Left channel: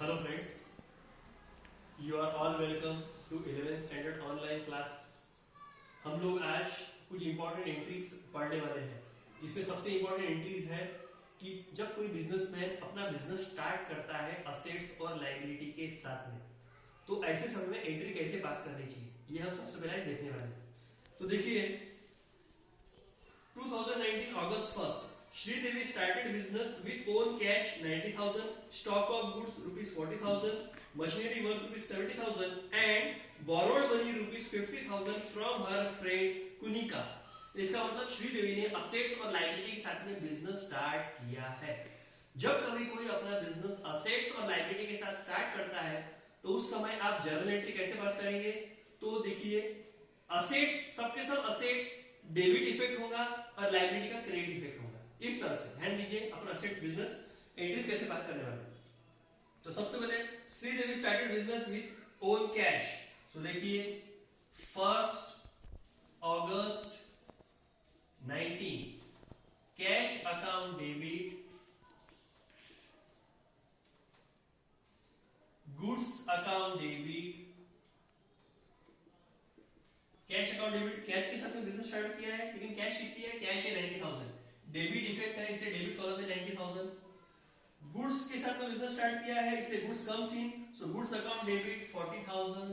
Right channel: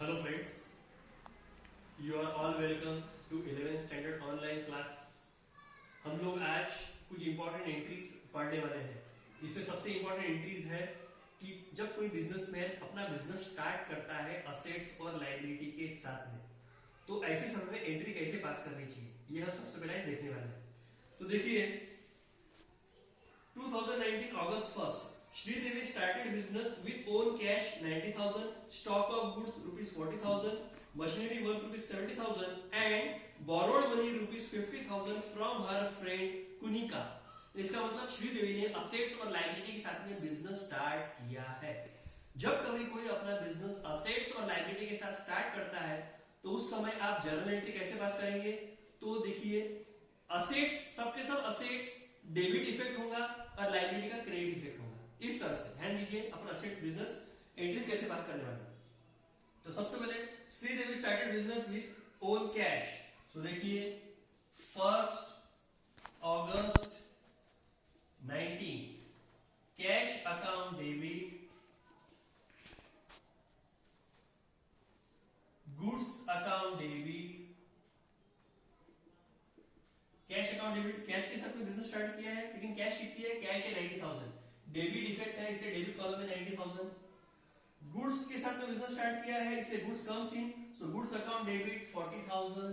Hello friends, you are all welcome to 11th standard online class। हम लोग आज कुछ इंपॉर्टेंट एंट्रीज पढ़ने वाले हैं। इसमें सबसे इंपॉर्टेंट एंट्रीज है कि जब कोई बिजनेसमैन अपना बिजनेस स्टार्ट करता है असेट्स और लायबिलिटी के साथ में, तो ऐसे समय में एंट्री कैसे पास करनी चाहिए, ये हम सबसे पहले देखने वाले हैं। तो देखिए 2019 August 1st, Sridevi started business with own cash 90,000, stock of goods rupees 40,000, machinery worth rupees 70,000 and borrowed money rupees 50,000 from her friend Kunika। इसका मतलब श्रीदेवी ने असेट्स और लायबिलिटी के साथ में बिजनेस स्टार्ट किया है। जब कभी कोई अपना बिजनेस असेट्स और लायबिलिटी के साथ स्टार्ट करता है तो उस समय आप जर्नल एंट्री कैसे पास करेंगे? तो देखिए असेट्स, सबके सब असेट्स डेबिट इफेक्ट होगा और लायबिलिटी का क्रेडिट इफेक्ट होगा। इस तरह से ध्यान दीजिए अपना असेट बिजनेस एंट्रीज कैसे पास करने वाले हैं। तो सबसे पहले Sridevi started business with own cash. तो देखिए 1 अगस्त 19 cash account debit, goods account debit, cash account debit, cash के साथ में बिजनेस स्टार्ट किया है, लेकिन कैश कितनी है? कैश है 90,000, डेबिट इफेक्ट है इसलिए डेबिट कॉलम में 90,000। गुड्स के साथ में बिजनेस स्टार्ट किया है इसलिए goods comes in, so goods account debit 40,000।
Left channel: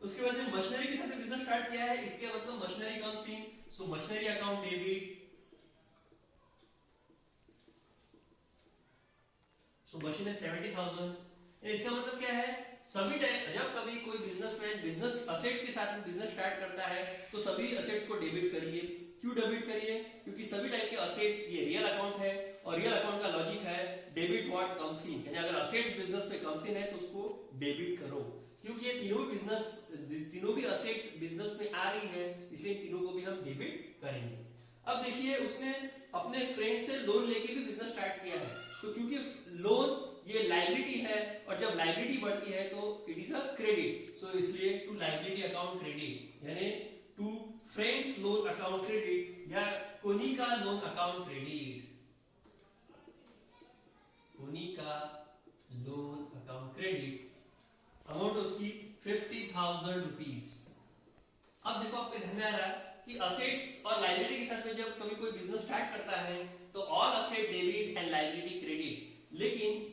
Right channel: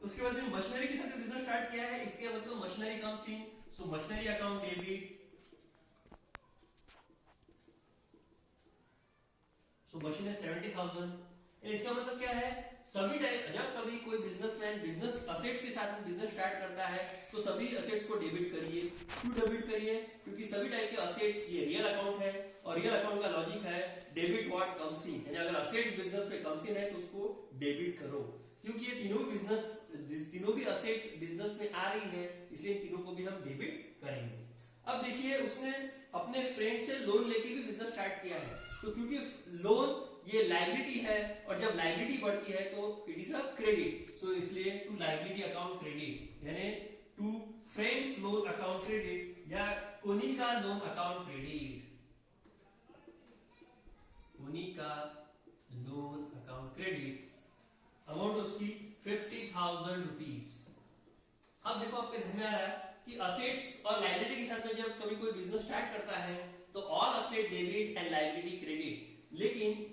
उसके बाद में मशीनरी के साथ में बिजनेस स्टार्ट किया है, इसके मतलब machinery comes in, so machinery account debit, so machine है 70,000। इसका मतलब क्या है? सभी टाइम जब कभी कोई बिजनेसमैन बिजनेस असेट के साथ में बिजनेस स्टार्ट करता है तो सभी असेट्स को डेबिट करिए। क्यों डेबिट करिए? क्योंकि सभी टाइप के असेट्स ये रियल अकाउंट है और रियल अकाउंट का लॉजिक है डेबिट व्हाट कम्स इन, यानी अगर असेट्स बिजनेस में कम्स इन है तो उसको डेबिट करो। क्योंकि ये तीनों भी असेट्स बिजनेस में आ रही है इसलिए तीनों को भी हम डेबिट करेंगे। अब देखिए उसने अपने फ्रेंड से लोन लेके भी बिजनेस स्टार्ट किया है, तो क्योंकि लोन ये लायबिलिटी है और जब लायबिलिटी बढ़ती है तो it is a credit, so इसलिए टू लायबिलिटी अकाउंट क्रेडिट, यानी to friends loan account credit या Konika loan account credit, Konika loan account credit, amount उसकी 50,000 रुपीज। अब देखो आपके ध्यान में आ रहा है कि असेट्स और लायबिलिटी के साथ में जब कभी कोई बिजनेस स्टार्ट करता है तो all asset debit and liability credit, लेकिन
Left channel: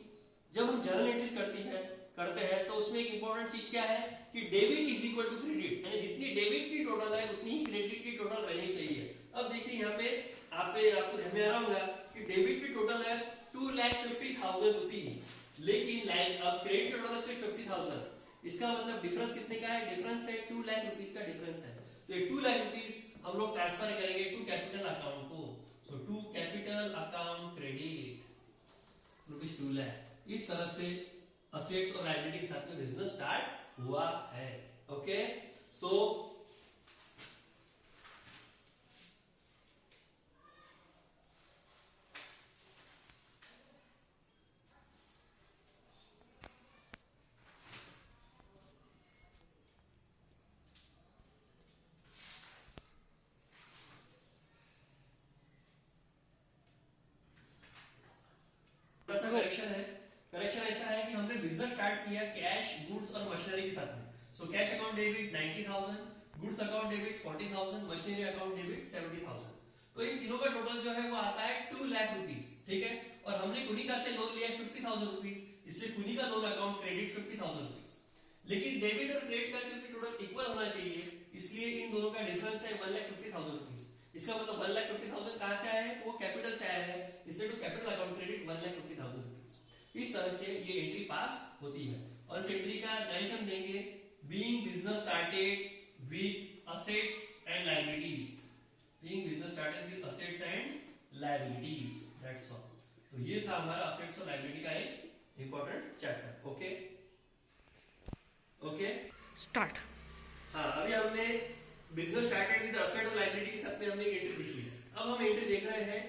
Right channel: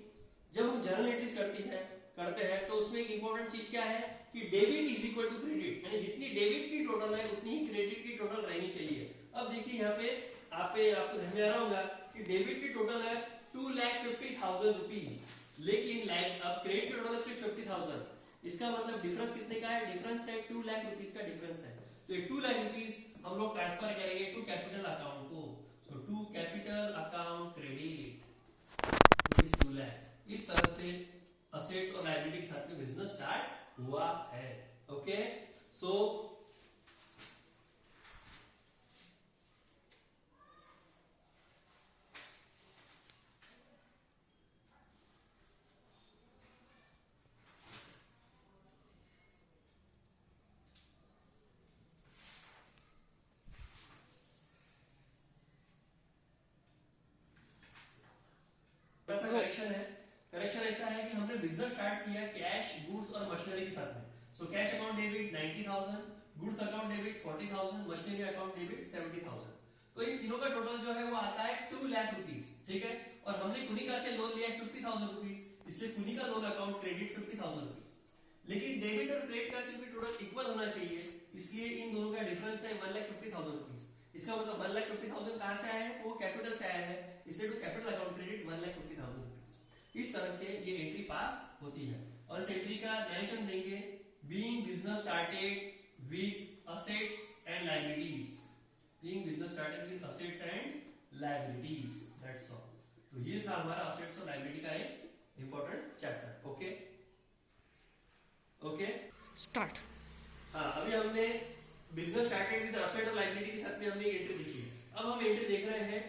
जब हम जर्नल एंट्रीज करते हैं तो उसमें एक इंपॉर्टेंट चीज क्या है कि debit is equal to credit, यानी जितनी डेबिट की टोटल है उतनी ही क्रेडिट की टोटल रहनी चाहिए। अब देखिए यहाँ पे आपको ध्यान में आ रहा होगा कि डेबिट की टोटल है 2,50,000 रुपीज, लेकिन अब क्रेडिट टोटल है सिर्फ 50,000। इसका मतलब डिफरेंस कितने का है? डिफरेंस है 2 लाख रुपीज का डिफरेंस है। तो ये 2 लाख रुपीज हम लोग ट्रांसफर करेंगे टू कैपिटल अकाउंट को, so to capital account credit rupees 2 lakh. इस तरह से असेट्स और लायबिलिटी के साथ में बिजनेस स्टार्ट हुआ है। ओके, सो करेक्शन है। करेक्शन ऐसा है कि हमने बिजनेस स्टार्ट किया कैश, गुड्स और मशीनरी के साथ में। सो cash account debit 90,000, goods account debit 40,000, machinery account debit 70,000। तो इन तीनों का टोटल जो है वो आता है 2 लाख रुपीज, ठीक है। और हमने कुनिका से लोन लिया है 50,000 रुपीज, इसलिए Kunika loan account credit 50,000 rupees. लेकिन डेबिट और क्रेडिट का क्योंकि टोटल इक्वल होना चाहिए इसलिए इन दोनों का डिफरेंस है 1,50,000 रुपीज। इसका मतलब 1,50,000 कहां से आया है? वो कैपिटल से आया है, इसलिए to capital account credit 1,50,000 rupees. इस तरह से ये एंट्री पास होती है। और इस एंट्री का डायरेक्शन देंगे being business started with assets and liabilities, being business started with assets and liabilities, that's all. तो ये था हमारा असेट्स और लायबिलिटी का एक important chapter. Okay okay start. हाँ, अभी हमने बिजनेस स्टार्टेड विद असेट और लायबिलिटी के साथ में हमने एंट्री देखी है। अब हम एंट्री देख रहे हैं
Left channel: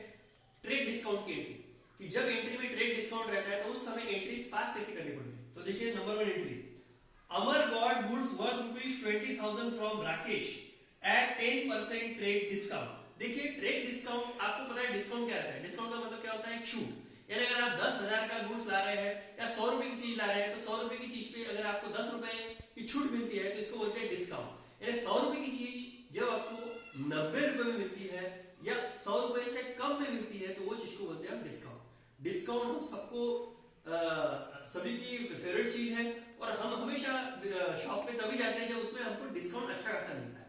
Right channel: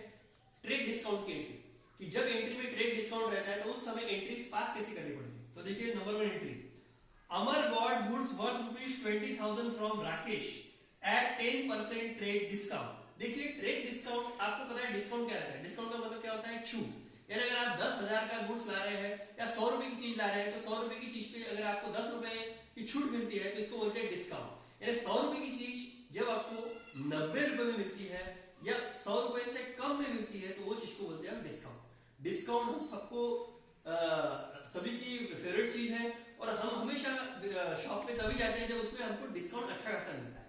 ट्रेड डिस्काउंट की एंट्री, कि जब एंट्री में ट्रेड डिस्काउंट रहता है तो उस समय एंट्रीज पास कैसे करनी पड़ती है। तो देखिए number 1 entry, Amar bought goods worth rupees 20,000 from Rakesh at 10% trade discount. देखिए ट्रेड डिस्काउंट आपको पता है डिस्काउंट क्या रहता है? डिस्काउंट का मतलब क्या होता है? छूट, यानी अगर आप 10,000 का गुड्स रहे हैं या 100 रुपए की चीज ला रहे हैं, तो 100 रुपए की चीज पे अगर आपको 10 रुपए की छूट मिलती है तो इसको बोलते हैं डिस्काउंट। यानी 100 रुपए की चीज जब आपको 90 रुपए में मिलती है या 100 रुपए से कम में मिलती है तो वो चीज को बोलते हैं डिस्काउंट। डिस्काउंट हम सबको सभी की फेवरेट चीज है और हम हमेशा शॉप पे तभी जाते हैं जब उसमें हमको डिस्काउंट अच्छा खासा मिलता है।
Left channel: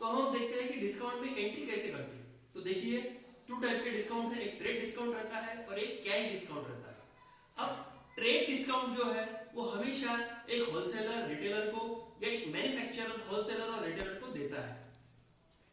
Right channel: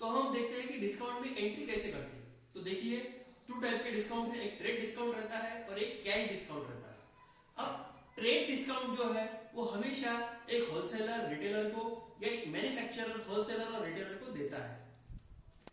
तो हम देखते हैं कि डिस्काउंट में एंट्री कैसे करते हैं। तो देखिए 2 टाइप के डिस्काउंट है, एक ट्रेड डिस्काउंट रहता है और एक कैश डिस्काउंट रहता है। अब ट्रेड डिस्काउंट जो है वो हमेशा एक होलसेलर रिटेलर को या एक मैन्युफैक्चरर होलसेलर और रिटेलर को देता है।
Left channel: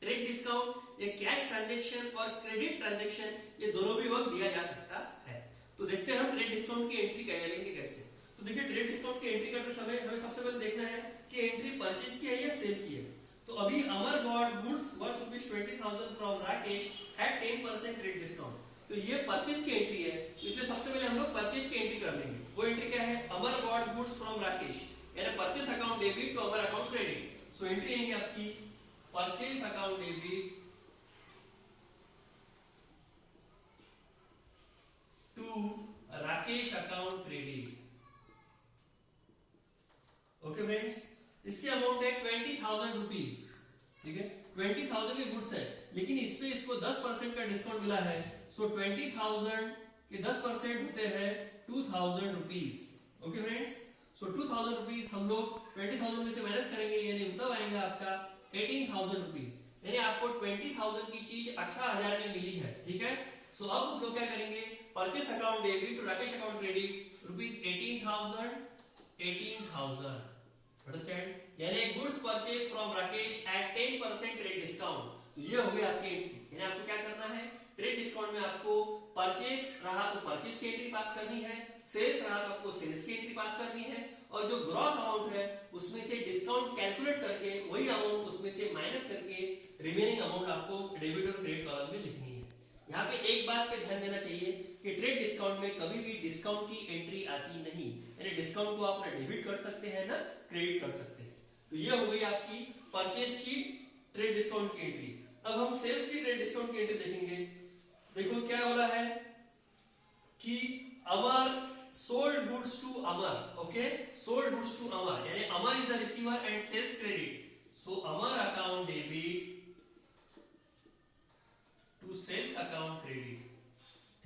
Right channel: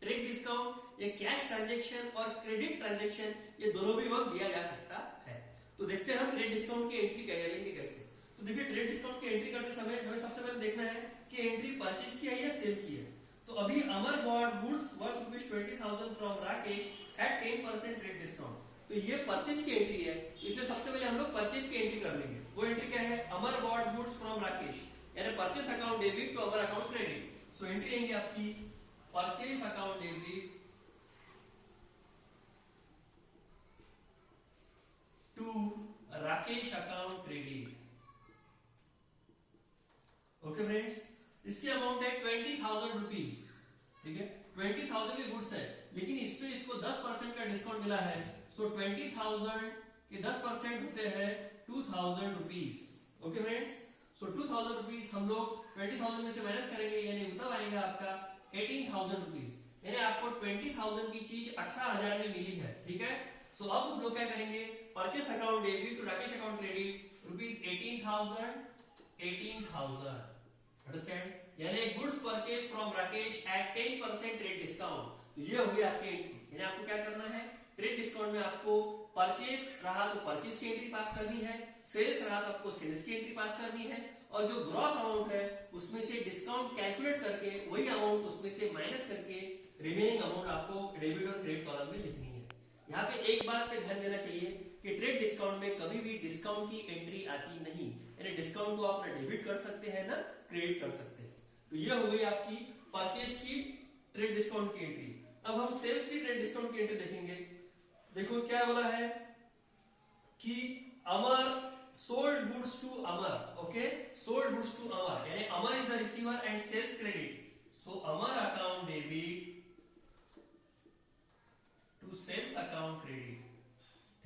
ट्रेड डिस्काउंट या कैश ट्रांजैक्शन और क्रेडिट ट्रांजैक्शन ये दोनों भी वक्त दिया जा सकता है। तो देखते हैं हम ट्रेड डिस्काउंट की एंट्री करेंगे कैसे। तो देखिए ट्रेड डिस्काउंट की एंट्री करते समय हमें सबसे पहले देखना है कि एंट्री परचेज की है या सेल की है। तो अभी Amar bought goods worth ₹20,000 from Rakesh at 10% trade discount. तो ये परचेज की एंट्री है, इसलिए सबसे पहले हम लोग परचेज की एंट्री कर लेंगे। वो एंट्री क्या है, Amar bought goods from Rakesh, यानी purchase account debit to Amar account credit. So entry आएंगे आपकी purchase account debit to Rakesh account credit. Okay friends, इसकी अमाउंट है 20,000 रुपीज। ठीक है, 20,000 के गुड्स है लेकिन इस पे इसको 10% का डिस्काउंट मिला है। सो 20,000 के 10% होते हैं 2,000 रुपीज। ओके फ्रेंड्स, सो 2,000 रुपीज हम लोग 20,000 में से माइनस करेंगे, यानी मतलब आएगा आपका 18,000 रुपीज। यानी आपको 20,000 की चीज 18,000 में मिली है। ठीक है, सो अब हम लोग क्या करेंगे, purchase account debit to Rakesh account credit rupees 18,000 understand, यानी goods purchase from Rakesh at 10% trade discount. तो ये हो गया आपकी एंट्री। यानी आपको क्या करना है, ट्रेड डिस्काउंट में आपको परचेज रहा तो परचेज की एंट्री पास करनी है, सेल्स रहा तो आपको सेल्स की एंट्री पास करनी है, और जो ग्रॉस अमाउंट है उसमें से डिस्काउंट कैलकुलेट करके वही अमाउंट उसमें से माइनस करके रिमेनिंग अमाउंट आपको डेबिट और क्रेडिट कॉलम में लिखनी है। यहाँ पे एक बात पे ध्यान देना चाहिए कि ट्रेड डिस्काउंट में कभी भी डिस्काउंट की एंट्री आती नहीं, यानी डिस्काउंट को आप ना डेबिट कर सकते हैं ना क्रेडिट कर सकते हैं। तो ये हो गई आपकी परचेस की ट्रेड डिस्काउंट की एंट्री। अब हम सेल्स की ट्रेड डिस्काउंट की एंट्री देखेंगे। देखो क्या बोला है कि Amar sold goods to Amar. Okay, sold goods to Amar, यानी Amar is the receiver and sales credit. So Amar account debit to sales account credit.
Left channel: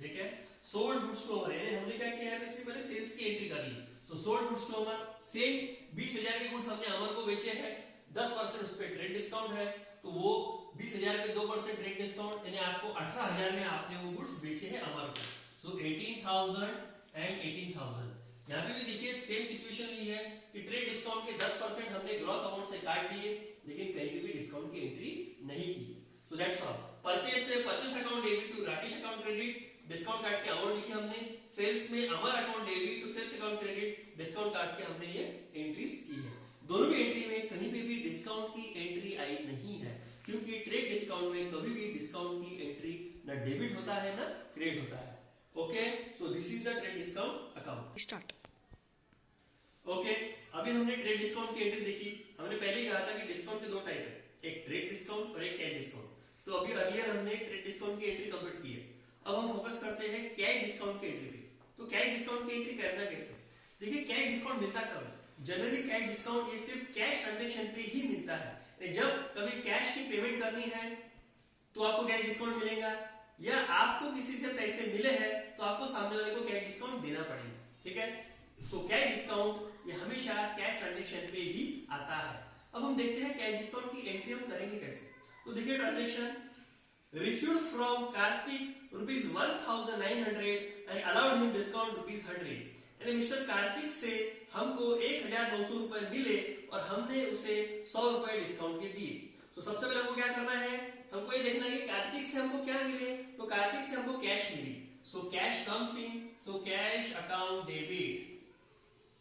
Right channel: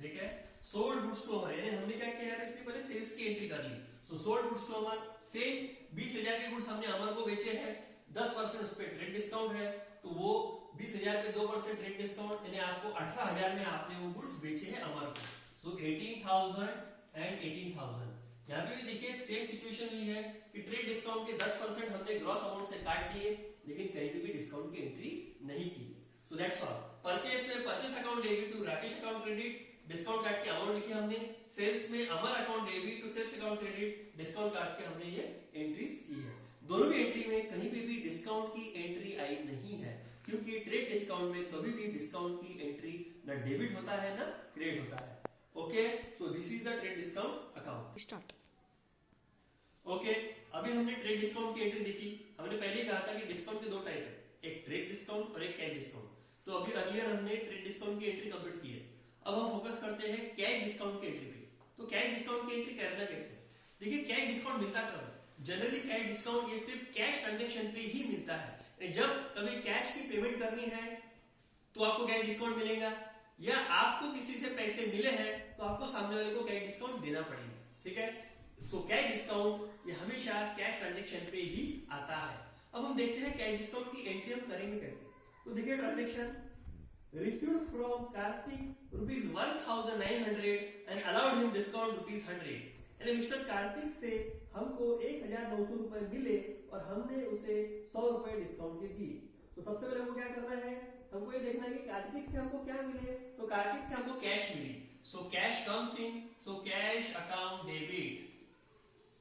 ठीक है, सोल्ड गुड्स टू अमर, यानी हमने क्या किया है, इसके पहले सेल्स की एंट्री कर ली। So sold goods to Amar, same 20,000 के गुड्स हमने अमर को बेचे हैं, 10% उस पर ट्रेड डिस्काउंट है, तो वो 20,000 पे 2% ट्रेड डिस्काउंट, यानी आपको 18,000 में आपने वो गुड्स बेचे हैं अमर को। सो 18,000 एंड 18,000। यहाँ पे भी देखिए सेम सिचुएशन ली है कि ट्रेड डिस्काउंट के 10% हमने ग्रॉस अमाउंट से काट दिए, लेकिन कहीं पे भी डिस्काउंट की एंट्री नहीं की। So that's all. परचेस में purchase account debit to Rakesh account credit, discount काट के अमाउंट लिखी हमने। सेल्स में Amar account debit to sales account credit, discount काट के हमने ये एंट्रीज की है। दोनों भी एंट्री में कहीं पे भी डिस्काउंट की एंट्री आई नहीं है, क्योंकि ट्रेड डिस्काउंट में कभी भी डिस्काउंट की एंट्री ना डेबिट होता है ना क्रेडिट होता है। Okay, so this is the trade discount account. Start. Okay, अभी हमने ट्रेड डिस्काउंट की एंट्री देखी। हमने पहले कहा था कि डिस्काउंट के 2 टाइप है, एक ट्रेड डिस्काउंट और एक कैश डिस्काउंट। तो अभी अर्लियर हमने ट्रेड डिस्काउंट की एंट्री कंप्लीट की है। अब हम फोकस करते हैं कैश डिस्काउंट की एंट्री पे। तो कैश डिस्काउंट की एंट्री करना कैसे, देखिए कैश डिस्काउंट मिलता कब है, जनरली कैश डिस्काउंट ये सिर्फ कैश ट्रांजैक्शन पे ही मिलता है। जब कभी कैश की पेमेंट करनी है तो आपको कैश डिस्काउंट मिलेगा, या आपको किसी से पैसे मिले हैं तो आपको सामने वाले को कैश डिस्काउंट देना पड़ेगा। ठीक है, तो कैश डिस्काउंट ये हमेशा कैश ट्रांजैक्शन पे ही आता है। अब हम देखते हैं कैश डिस्काउंट की एंट्री हम करेंगे कैसे। तो देखिए transaction received from Karthik rupees 1,900 and allowed him discount rupees 100। यानी मिस्टर कार्तिक से हमको 1,900 रुपए मिले और हमने उसे 100 रुपए डिस्काउंट के दिए। तो सबसे पहले हमको क्या करना है, हमको ये देखना है कि कार्तिक से हमको क्या मिले। तो कार्तिक से हमको कैश मिली, so cash comes in, so cash account debit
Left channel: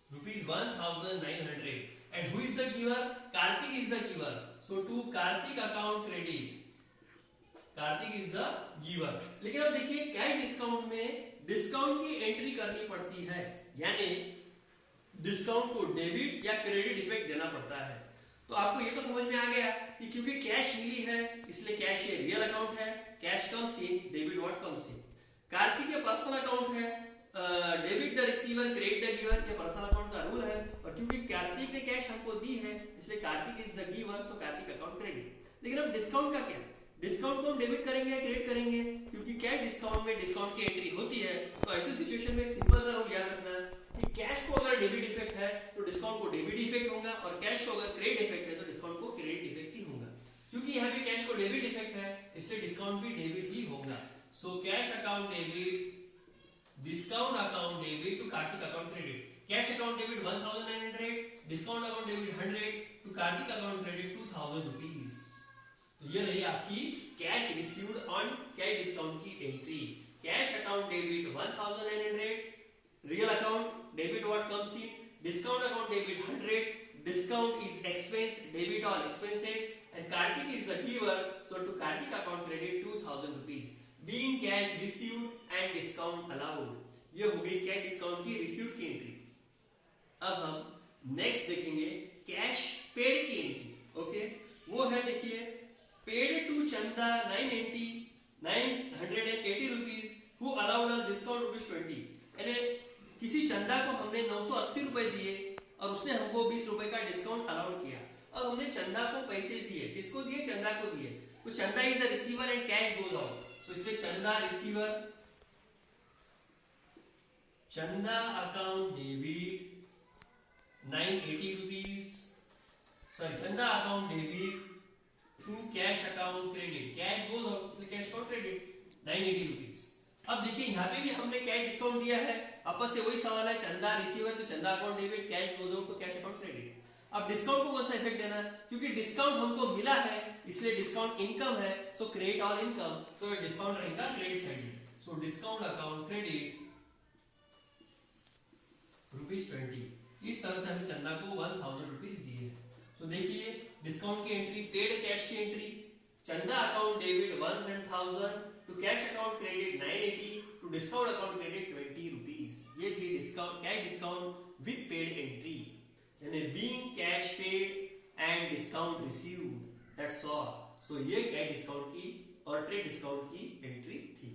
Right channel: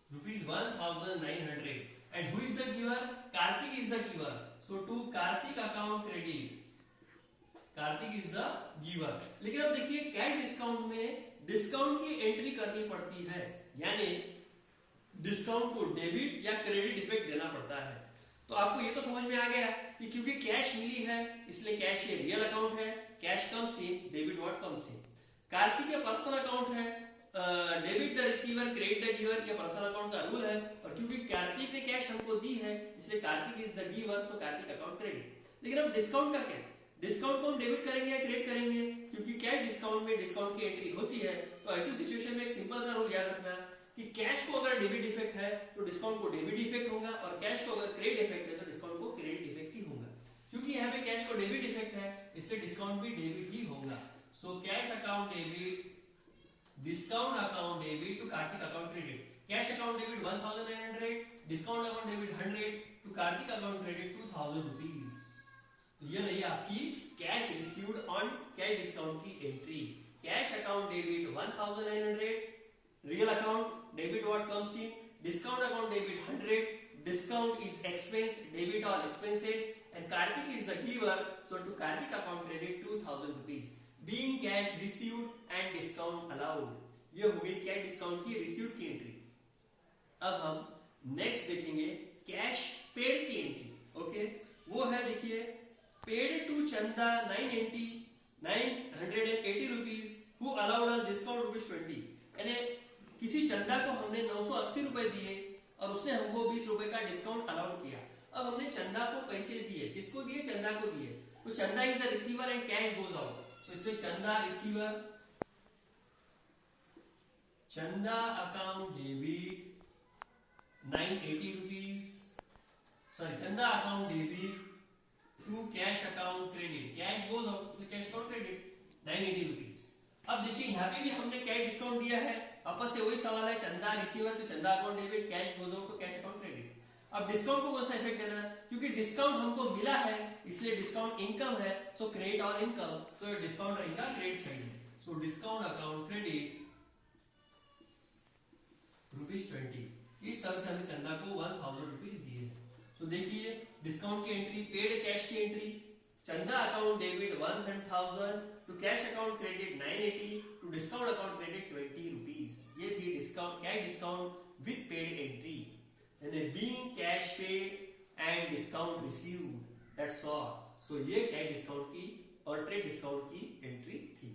rupees 1,900 and who is the giver, Kartik is the giver, so to Kartik account credit, Kartik is the giver. लेकिन अब देखिए कैश डिस्काउंट में डिस्काउंट की एंट्री करनी पड़ती है, यानी डिस्काउंट को डेबिट या क्रेडिट इफेक्ट देना पड़ता है। तो आपको ये तो समझ में आ गया कि क्योंकि कैश मिली है इसलिए कैश ये रियल अकाउंट है, cash comes in, debit what comes इन। कार्तिक ये पर्सनल अकाउंट है, debit the receiver credit the giver के पर्सनल अकाउंट का रूल है, और क्योंकि कार्तिक ने कैश हमको दी है इसलिए Kartik is the giver, so Kartik account credit. लेकिन अब डिस्काउंट का क्या, डिस्काउंट को हम डेबिट करेंगे या क्रेडिट करेंगे, क्योंकि कैश डिस्काउंट में डिस्काउंट की एंट्री होती है। तो ऐसी सिचुएशन में एक सिंपल सा रूल याद रखना कि कैश को अगर डेबिट इफेक्ट है तो डिस्काउंट को डेबिट इफेक्ट होगा, और कैश को अगर क्रेडिट इफेक्ट है तो डिस्काउंट को क्रेडिट इफेक्ट ही होगा। क्योंकि यहाँ पे कैश को डेबिट इफेक्ट है इसलिए डिस्काउंट भी डेबिट ही होगा। So cash account debit, discount account debit to Kartik account credit. Cash account debit 1900, discount account debit 100 to Kartik account credit 2000 rupees. तो ये रही आपकी cash received on cash discount की entry. Cash account debit 1900, real account debit what comes in, discount account debit 100, discount is expense, debit all expenses, and Karthik is the giver, so to Karthik account credit 2000 rupees, being cash received and discount allowed। ये हो गई cash discount की received की entry. अब हम next देखेंगे cash paid की entry. Okay, वो है देखिए पेड टू चंदा 980 rupees who allowed us discount ₹20। यानी किसी चंदा को हमने 980 रुपए दिए और उसने हमको 20 रुपए का डिस्काउंट अलाउड किया। अब हमने चंदा को पैसे दिए, किसको दिए, चंदा को दिए, तो Chanda is the receiver and cash goes out. तो इसमें Chanda receiver, Chanda account debit 980 rupees, sorry Chanda account debit to cash account credit, cash goes out इसमें कैश अकाउंट क्रेडिट 980 रुपीज। अब देखिए यहाँ पे भी हमने कैश डिस्काउंट दिया है, आपस से वही सवाल है, चंदा रिसीवर तो चंदा account debit, cash goes out तो कैश अकाउंट क्रेडिट। अब डिस्काउंट को कौन सा इफेक्ट देना, क्योंकि डिस्काउंट हमको मिला है इसलिए डिस्काउंट इनकम है, सो credit all income, so discount रहेगा क्रेडिट साइड में। So discount account credit ₹20। इस तरह से हमें चंदा को 1000 रुपीज दिए हैं। सो देखिए डिस्काउंट की एंट्री, पेड कैश की entry, Chanda account debit 1000 to cash account credit 980 to discount account credit 20 rupees. ये थी discount, cash discount with paid entry, यानी being cash paid and discount received, that's all। so ये cash discount की और trade discount की entry थी।